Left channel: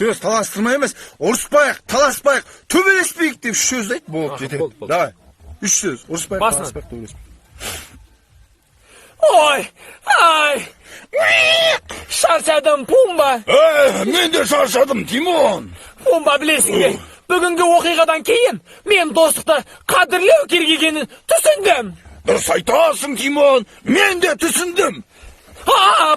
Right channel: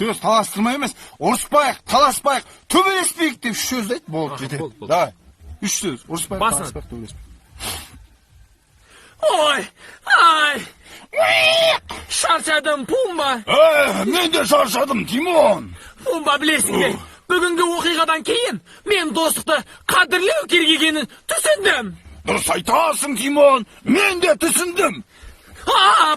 сөз таластырмай емес, ұрыспайық, таласпайық, төбелеспейік деп 3 сөз айт, болды, жетеді. Давай. 3 сөз, ұрыспайық, таласпайық, төбелеспейік. Ой, ай, шаршадым, Пумба. Мен де шаршадым, Тимон. Пумба, білесің бе, бүгінгі оқиғадан кейін мен достықты қадірлеу керек екенін түсіндім. Дұрыс айтасың, Тимон, мен де түсіндім.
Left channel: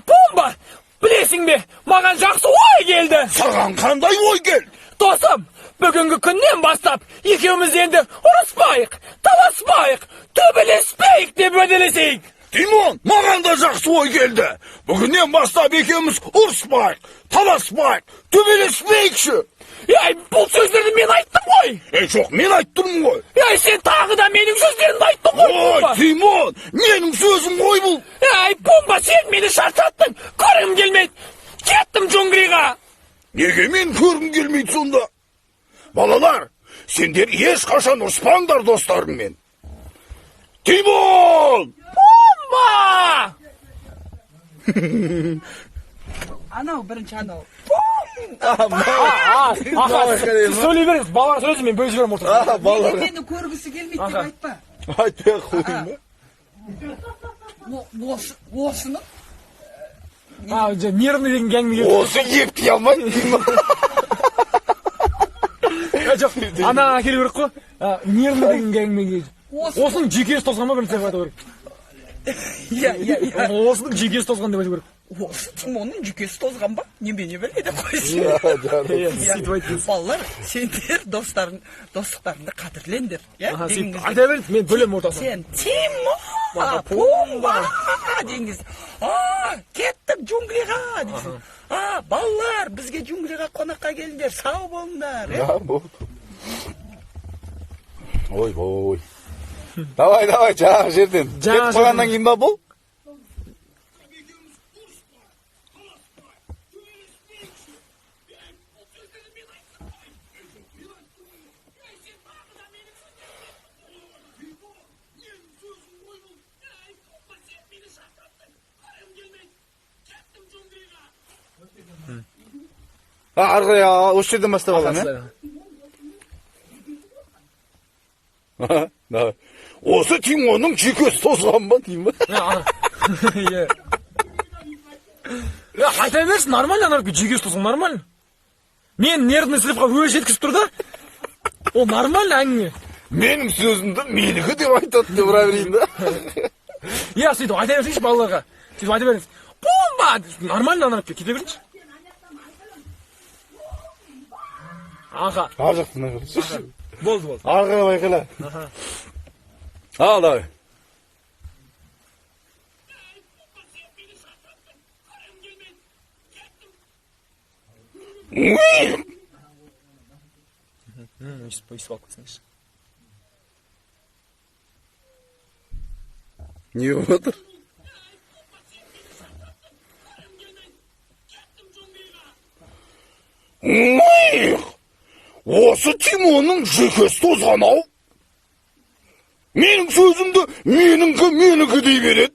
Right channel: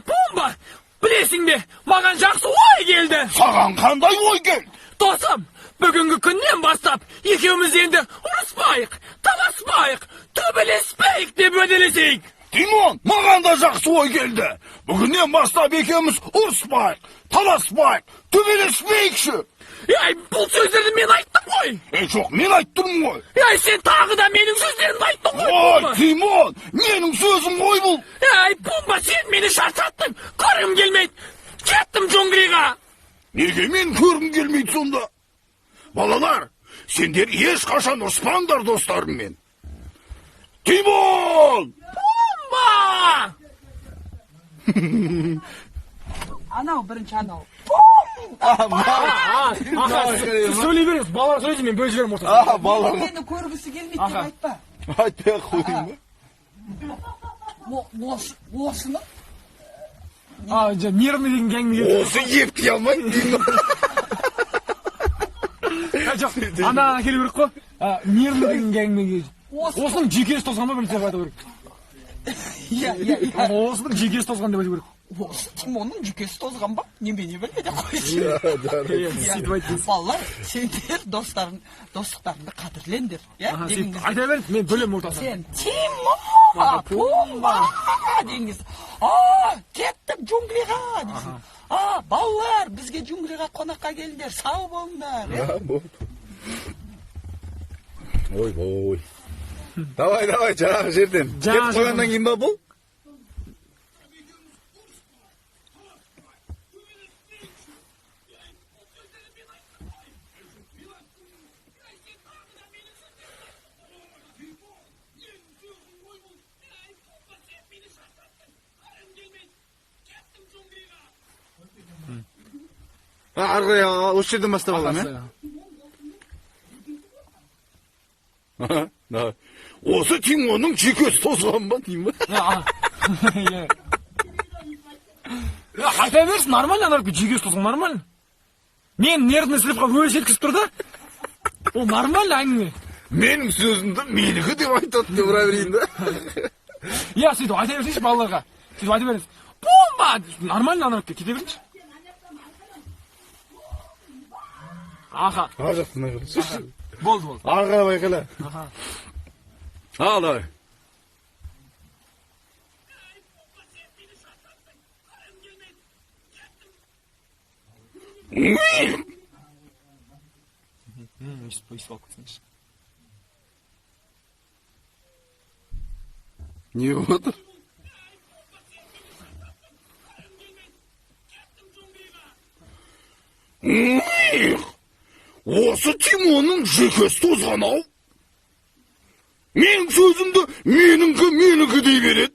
Пумба, білесің бе, маған жақсы ой келді. Саған қандай ой келді? Досым, бүгінгі күннен бастап екеуміз енді ұрыспайық, таласпайық, төбелеспейік деп уәделесейік. Тимон, маған да жақсы ой келді. Бүгіннен бастап екеуміз ұрыспайық, таласпайық, төбелеспейікші. Бұл сөздерді мен айттым ғой. Жоқ, мен айттым ғой. Сен тағы да менің сөздерімді айттың ғой, Пумба. Тимон, менің сөзім ғой бұл. Пумба, сен мені шаршаттың. Көргім келмейді. Кеттім джунглиға. Неге мен көргім келмейді сонда? Балалар, сендер ешқашан ұрыспаңдар достарыңмен. Тимон! Пумба! Анау бірінші анау. Сөйлей беріңіз, балалар сөйлесін, мен бөліп жіберем отырып. Мені көргісі келмейді деп айтпа. Айтпай қойын ба? Осыны? Нервный деген кәңгіме келді. Осы епті алмайды. Жоқ, ана келу керек қой. Нервный деген кәңгіме келді. Осының жекесі тозған ба, бірінші айту керек. Осының жекесі тозған деп айту керек. Осы Тимонның жүйкесі тозған ба? Немене біледі қойсын. Балалар, сендер достықтарыңды қадірлендер. Айта беріңіз, мен бөлем ортасын. Сен Тимон, Пумба деңіз. Кеттім джунглиға дейсің. Балалар, бізге джунглиға қонаққа келдер, сау болыңдар. Ой. Давай, жаңа жерден. Жаңа жерден кейін ба бұл? Арғай, осы жерден бастап алам, Осы Тимонның жүйкесі тозған ба, дейм ба? Айта берсін, нормально, жүйкесі тозған, нормально. Мен нервный сіліп қап өлі жеткізіп тұр да. Ол нормально әңгіме. Менің сөзімді менікі деп айтады деп ұра берейін да. Сөйтіп айта берсейші балаларға. Сөйтіп айта беріңіз. Пумба! Нормально анап кете беріңіз. Аға. Ар жақтына көресіз. Болды. Арғай байқала. Ал, давай. Не болып отыр? Осы Тимонның жүйкесі тозған ау. Менің сөзімді менікі дей береді.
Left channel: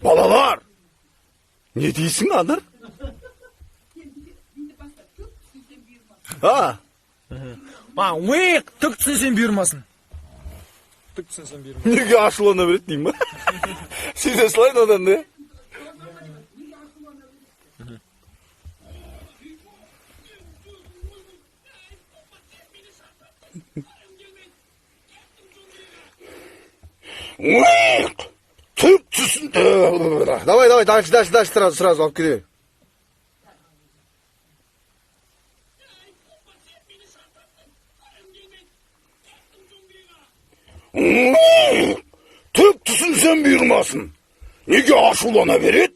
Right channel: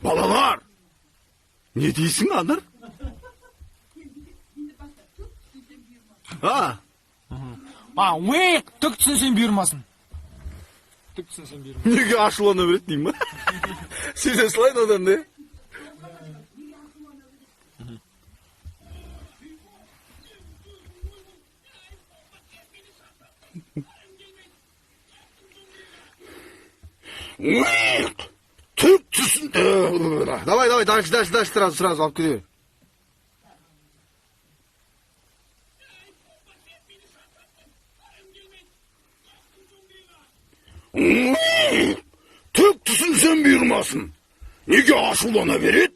Балалар, не дейсің, Анар? Түк түсінсен бұйырмасын. Неге ашылана береді дейм ба? Сезе слайды одан да. Түк түсін. Давай, дальше, сразу алып кете бер. Түк түсінсен бұйырмасын. Неге ашулана береді?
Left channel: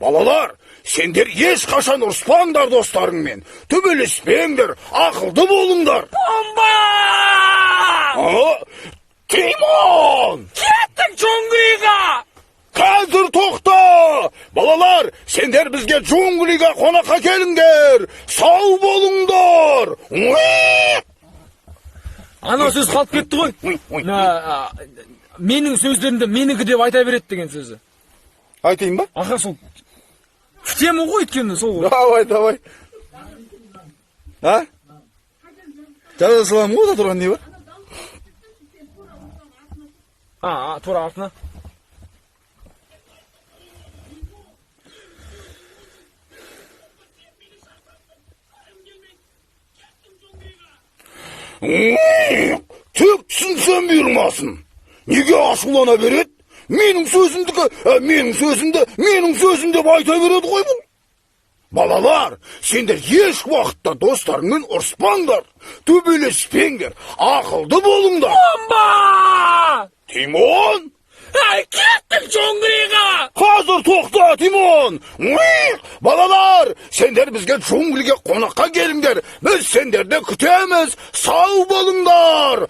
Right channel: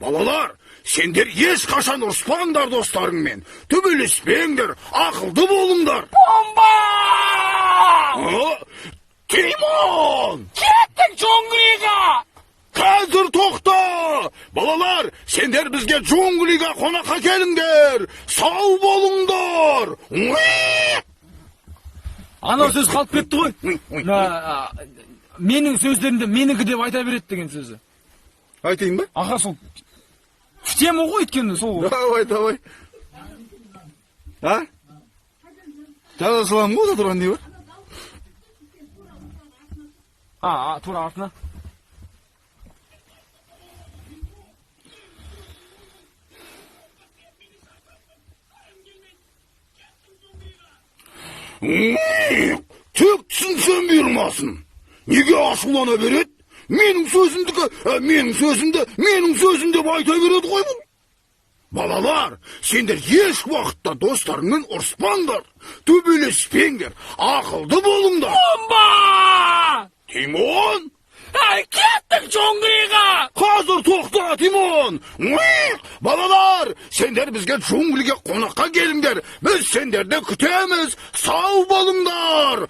Балалар, сендер ешқашан ұрыспаңдар достарыңмен. Төбелеспеңдер, ақылды болыңдар. Пумба! Тимон! Кеттің джунглиға! Қазір тоқта! Балалар, сендер бізге джунглиға қонаққа келіңдер! Сау болыңдар! Ана сөз қалып кетті ғой. Менің сөздерімді менікі деп айта береді деген сөзі. Айтайын ба? Аға, сол тема ғой өйткені сол ғой. Давай. Ha? Жала салам ғой, тұрған не бар? тура артына. Тек түсінсем бұйырмасын. Неге ашулана береді? Менің сөзімді айта береді ғой бұл. Балалар, сендер еш уақытта достарыңмен ұрыспаңдар, төбелеспеңдер, ақылды болыңдар. Бомба! Тимон! Кеттік джунглиға! Қазір тоқта, Тимон! Балалар, сендер бізге джунглиге қонаққа келіңдер. Біз сендерді күтеміз. Сау болыңдар!